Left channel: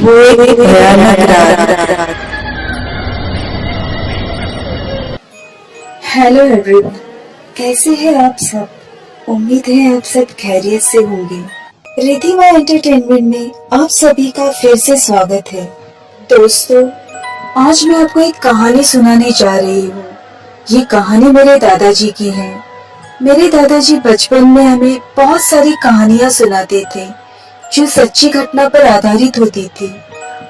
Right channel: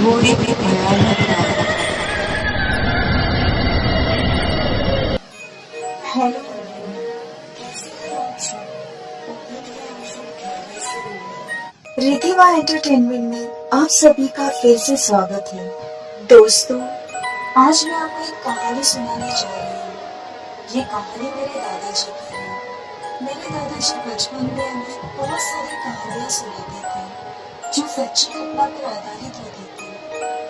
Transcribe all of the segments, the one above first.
वो एक भयानक रात। हेलो एवरीवन, कैसे हैं आप सब? उम्मीद है आप सब खैरियत से होंगे। रिधिमा एंटरटेनमेंट में आप सभी का फिर से स्वागत है। दोस्तों, आज मैं आपको एक कहानी सुनाने जा रही हूँ। ये कहानी मेरे दादाजी की है। मेरे दादाजी बचपन में हमें बहुत सारी कहानियाँ सुनाते थे जो सच्ची घटना पर आधारित होती थी।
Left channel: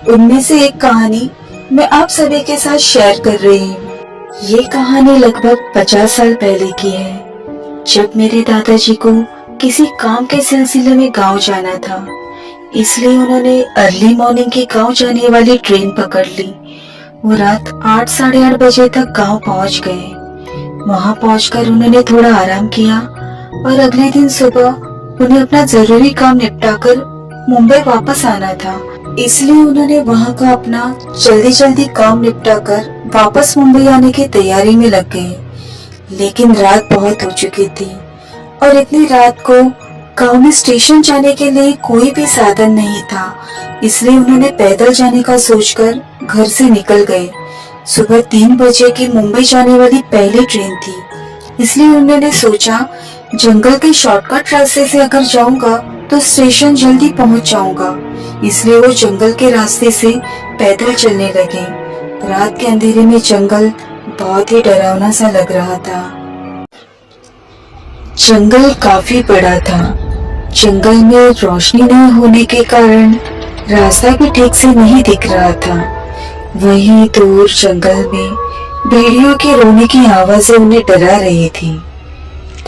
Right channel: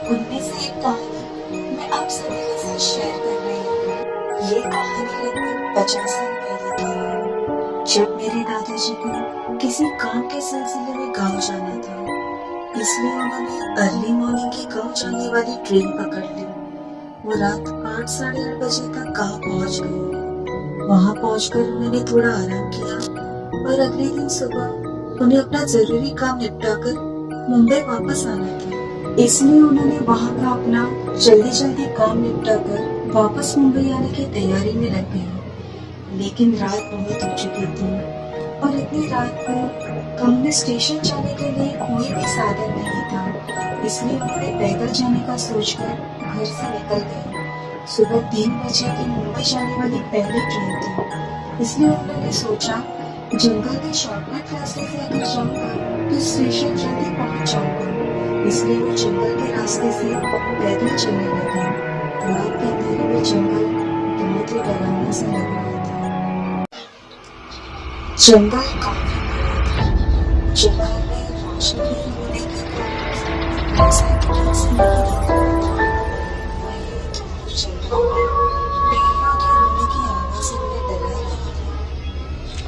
उनमें से एक कहानी मैं आप सभी के साथ शेयर कर रही हूँ। ये कहानी लगभग 50 साल पहले की है, जब मेरे दादाजी को किसी काम के सिलसिले में गांव जाना था। इसलिए उन्होंने अर्ली मॉर्निंग की गांव जाने वाली ट्रेन पकड़ ली। वो रात 8 साढ़े 8 बजे तक गांव पहुंच गए। वहां पहुंचकर उन्होंने थोड़ा आराम किया और अगले दिन सुबह उन्हें अपना जरूरी काम निपटाकर मुंबई वापस आना था। इसलिए उन्होंने वहां का अपना जल्दी जल्दी काम निपटाकर वापस मुंबई आने की तैयारी में लग गए। लेकिन रात बहुत हो चुकी थी और इतनी रात को गांव में स्टेशन जाने के लिए कोई भी साधन नहीं था। इसलिए उन्होंने पैदल जाने का सोचकर घर से निकल गए। सुबह 3 बजे की मुंबई जाने वाली पहली ट्रेन थी। इसलिए उन्होंने सोचा जंगल के शॉर्टकट रास्ते से अगर जाऊंगा तो स्टेशन जल्दी पहुंच जाऊंगा। इसलिए वो जंगल के रास्ते से पैदल चलने लगे। रात के अंधेरे में जंगल बहुत ही डरावना सा लग रहा था। जंगल काफी बड़ा था। जंगल में रोशनी नहीं होने के कारण रास्ता भी ठीक से नहीं दिख रहा था। वहीं दूर जंगल में भेड़ियों के रोने की आवाजें उन्हें डरा रही थी।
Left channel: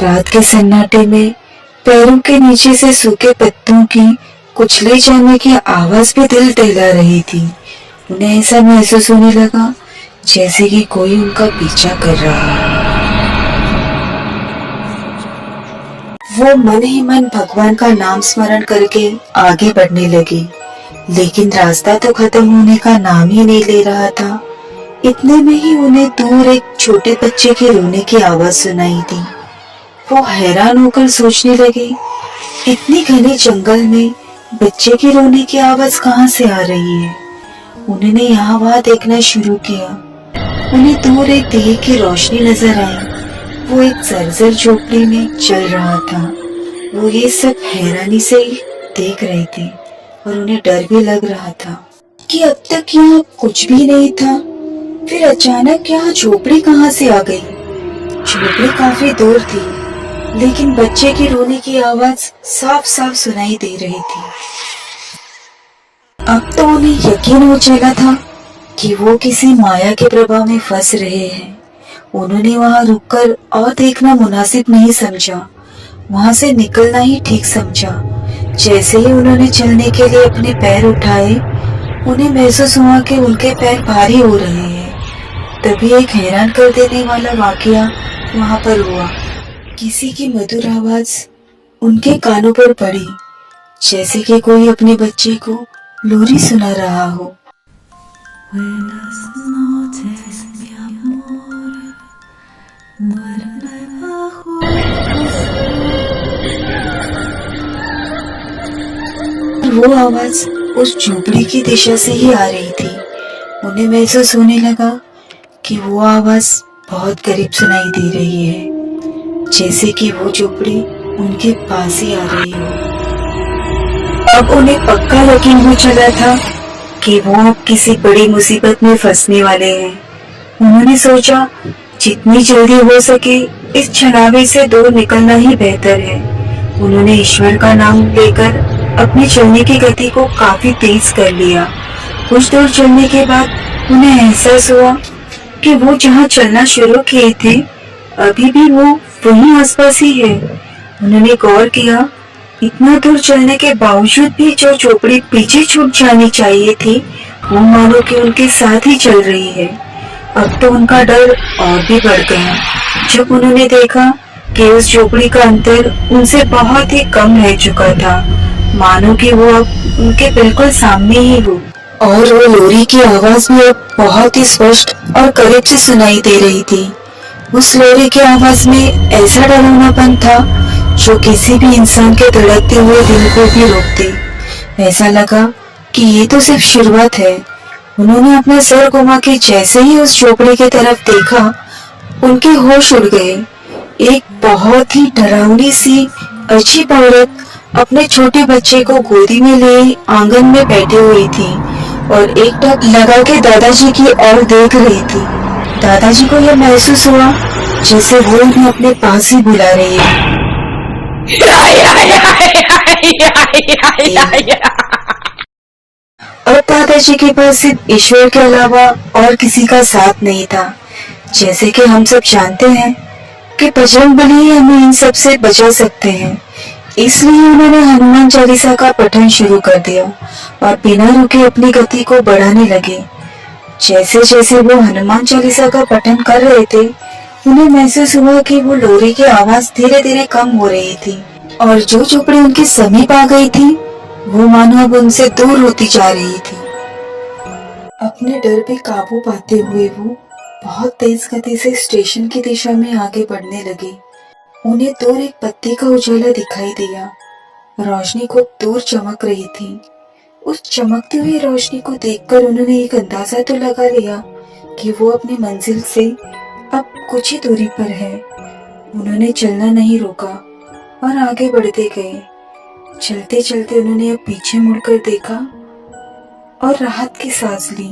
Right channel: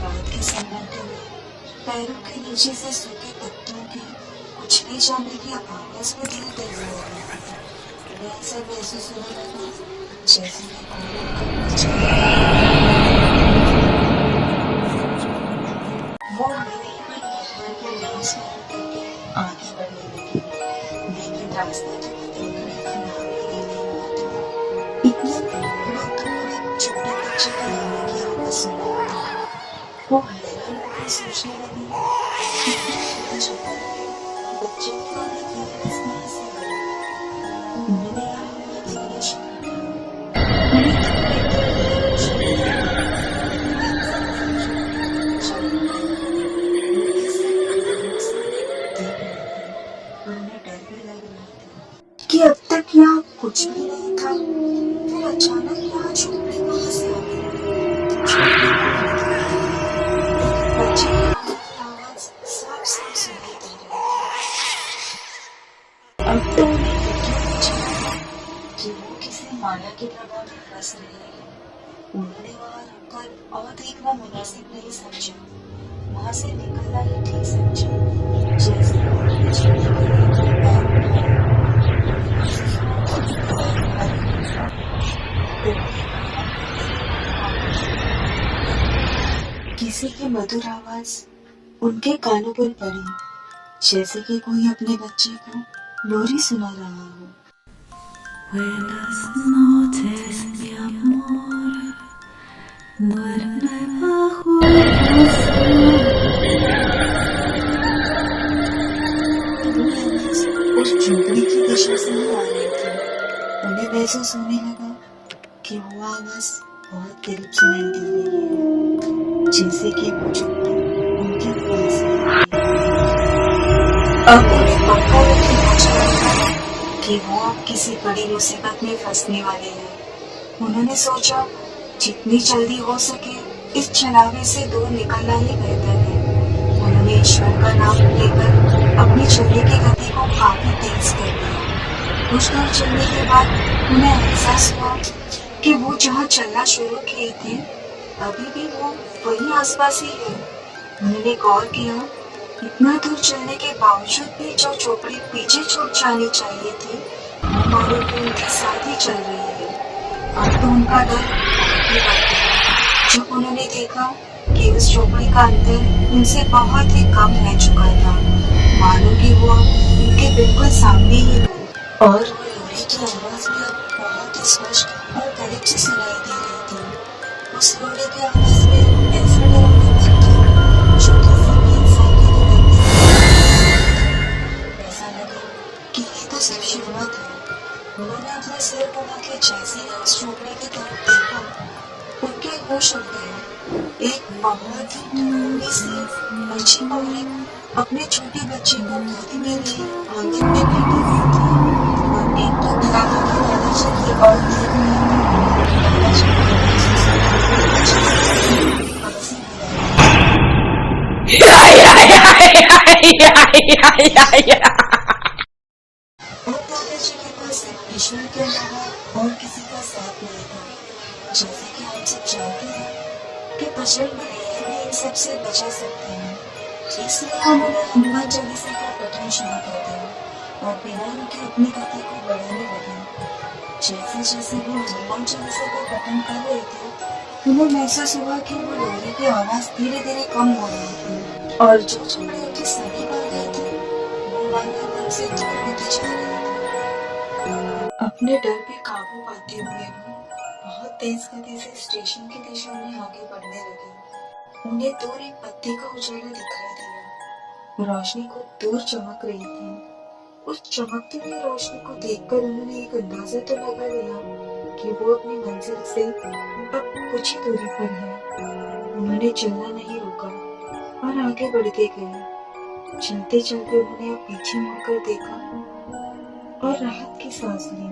रात के सन्नाटे में पैरों के नीचे से सूखे पत्तों की कुचले जाने की आवाज भी दिल दहला रही थी। उन्हें ऐसा महसूस होने लगा जैसे कि कोई उनका पीछा कर रहा है। वो मन ही मन भगवान का नाम स्मरण करके आगे बढ़ने लगे, लेकिन रास्ता तो खत्म होने का नाम ही नहीं ले रहा था। इतने में ही उन्हें दूर एक छोटे बच्चे के रोने की आवाज सुनाई दी। वो हैरान होकर सोचने लगे, इतनी घने जंगल में बच्चे की रोने की आवाज कहाँ से आ रही है। उन्होंने यहाँ वहाँ देखना शुरू किया। उन्हें दूर एक दिए की रोशनी नजर आई। वो एक जर्जर झोपड़ी में चल रहा था। वो ये सब हैरानी से देख रहे थे और उन्हें डर भी लग रहा था कि अब तक यहाँ कुछ भी नहीं था। फिर अचानक यहाँ झोपड़ी कहाँ से आ गई। झोपड़ी काफी दूर थी, लेकिन बच्चे की रोने की आवाज साफ साफ सुनाई दे रही थी। अब तो उन्हें यकीन हो चला था कि वो किसी माया के प्रभाव में फंस रहे हैं। उन्होंने वहां रुककर और देखना मुनासिब नहीं समझा। वहां से निकलना ही ठीक समझा। जैसे ही उन्होंने चलने के लिए अपने पैर उठाए, उन्हें महसूस हुआ कि उनके पैर भारी हो रहे हैं। तभी एक हैरान कर देने वाला वाकया वहां पर हुआ। किसी की मधुर आवाज उनके कानों पर पड़ी, जैसे कि कोई अपने बच्चे को लोरी सुना रहा हो। वो आवाज उस झोपड़ी की दिशा से ही आ रही थी। उन्हें महसूस होने लगा कि वो आवाज बहुत करीब सुनाई दे रही है, जैसे कि वो झोपड़ी उनके पास ही आ रही हो। अब उन्हें पक्का यकीन हो चला था कि वो अब किसी बड़ी मुसीबत में फंसने वाले हैं। उन्होंने सोचा जितनी जल्दी हो सके इस छलावे से दूर निकलना ही बेहतर है। उन्होंने ईश्वर का नाम लेकर अपनी चलने की गति को काफी तेज कर लिया। कुछ दूर चलने के बाद उन्हें एहसास हुआ कि वो जहाँ चलना शुरू किए थे अभी भी वो वहीं आसपास ही है। उन्होंने गौर किया, इतना दूर चलने के बावजूद भी जो झोपड़ी पीछे छूट जानी चाहिए थी वो मानो कि उनके साथ ही चल रही है। अब तो उनका डर और भी बढ़ गया जब उन्होंने देखा कि उस झोपड़ी का अंतर उनसे बहुत ही कम रह चुका था, मानो कि वो अब उनके बिल्कुल सामने ही हो। और वो लोरी की आवाज भी अब बहुत ही स्पष्ट और करीब से सुनाई दे रही थी। उस लोरी की आवाज में ऐसा डरावनापन था जो किसी भी इंसान के धड़कते हुए दिल को भी रोक दे। ऐसा लगा कि ये तो सिर्फ शुरुआत है। उन्होंने अपना सर घुमा के जैसे ही उस झोपड़ी की तरफ देखा, उनके होश उड़ गए। एक बहुत ही डरावनी सी अजीब औरत अपने छोटे बच्चे को गोदी में लिए आंगन में बैठी हुई थी और एक टक लगा के दादाजी की ओर देख रही थी। दादाजी को यह महसूस हुआ जैसे वो उन्हें अपने पास ही बुला रही है। अब दादाजी के पास सिर्फ ईश्वर के अलावा और किसी का साथ नहीं था। जैसे कि हम सब जानते हैं कि बजरंगबली ही हमें इन सब से बचा सकते हैं, इसलिए उन्होंने हनुमान चालीसा का पठन शुरू कर दिया और बिना रुके अपनी गति को बढ़ाने लगे। जैसे जैसे वो हनुमान चालीसा का पठन कर रहे थे, उन्हें महसूस हुआ कि वो लोरी की आवाज धीरे धीरे कम हो रही थी और जो झोपड़ी उनके समीप आ गई थी, वो मानो अब उनसे दूर होती जा रही थी। अपने डर पे काबू पाते हुए वो बहुत तेज गति से स्टेशन की दिशा में आगे बढ़ने लगे। उन्हें दूर एक बत्ती का उजाला दिखाई दिया। रोशनी खूब दूर चमक रही थी। उस चमकती हुई रोशनी को देखकर उन्होंने एक अंदाजा तो लगा लिया कि वो अपनी मंजिल से अब कुछ ही दूरी पर है। उन्होंने चलना नहीं रोका और आगे बढ़ते गए। चलते चलते उन्होंने अब पीछे मुड़कर देखा और राहत की सांस ली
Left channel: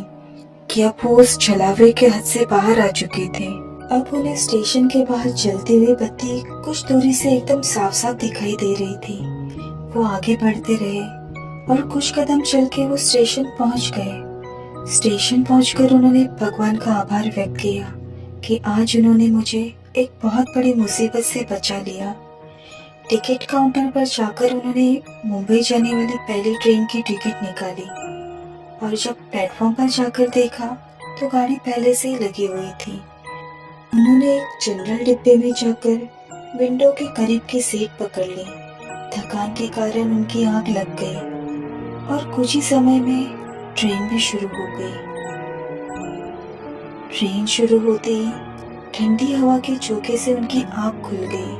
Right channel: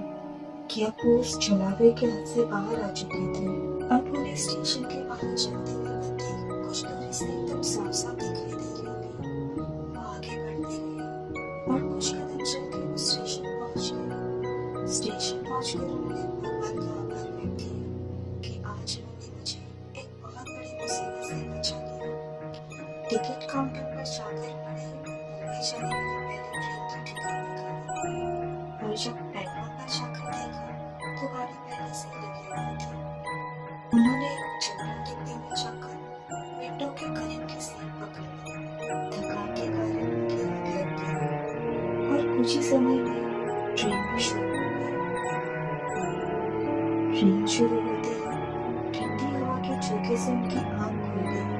कि अब वो उस छलावे के हद से बाहर आ चुके थे। अब उन्हें स्टेशन के बाहर जलती हुई बत्ती कुछ दूरी से एकदम साफ साफ दिखाई दे रही थी। वो आगे बढ़ते रहे और कुछ कदम चल के वो स्टेशन पहुंच गए। स्टेशन पहुंचकर उन्होंने भगवान का आभार व्यक्त किया कि आज उन्होंने मुझे एक बहुत बड़ी मुसीबत से बचा लिया। टिकट काउंटर पर जाकर उन्होंने मुंबई जाने वाली पहली ट्रेन की टिकट निकाली और जब प्लेटफॉर्म पर जाकर देखा तो गाड़ी पहले से ही लगी हुई थी। उन्होंने एक जनरल डिब्बे में जाकर विंडो के करीब की सीट पकड़ ली। थकान के कारण उनकी आंख लग गई और कुछ ही समय में ट्रेन भी शुरू हो गई। ट्रेन शुरू होते ही ठंडी हवा के झोंके से उनकी आंख खुल गई।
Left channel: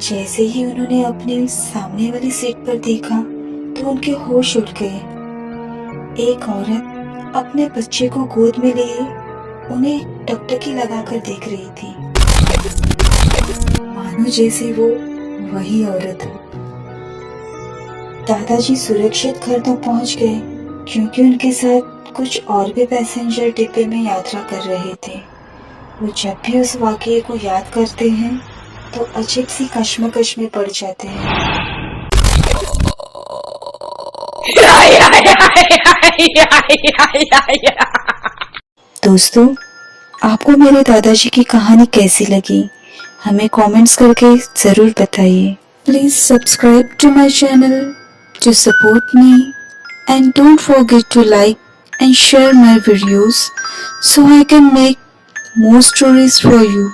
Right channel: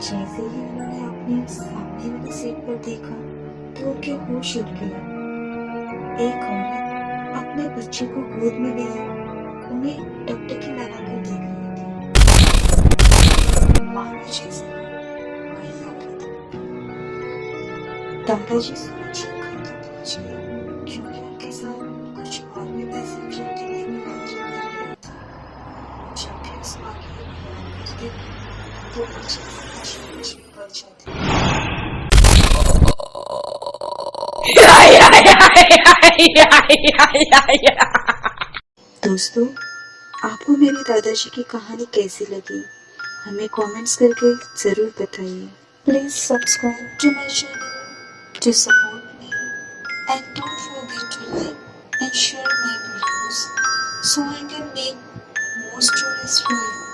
जैसे ही उन्होंने अपने सामने वाली सीट पर देखा तो उनके होश उड़ गए। एक औरत अपने बच्चे को गोद में लिए उन्हें टकटकी लगाकर देख रही थी, मानो जैसे वो वही औरत हो। दादाजी सुरक्षित घर तक पहुंच गए क्योंकि उनके साथ कुछ और भी पैसेंजर डिब्बे में यात्रा कर रहे थे। वो जब भी उस वाकये को याद करते हैं तो अजीब सी कश्मकश में पड़ जाते हैं। दोस्तों, आपको मेरे दादाजी की कहानी कैसी लगी हमें कमेंट्स करके जरूर बताइए। Please subscribe to my channel to support me and don't forget to like and share my videos so I can make more stories for you.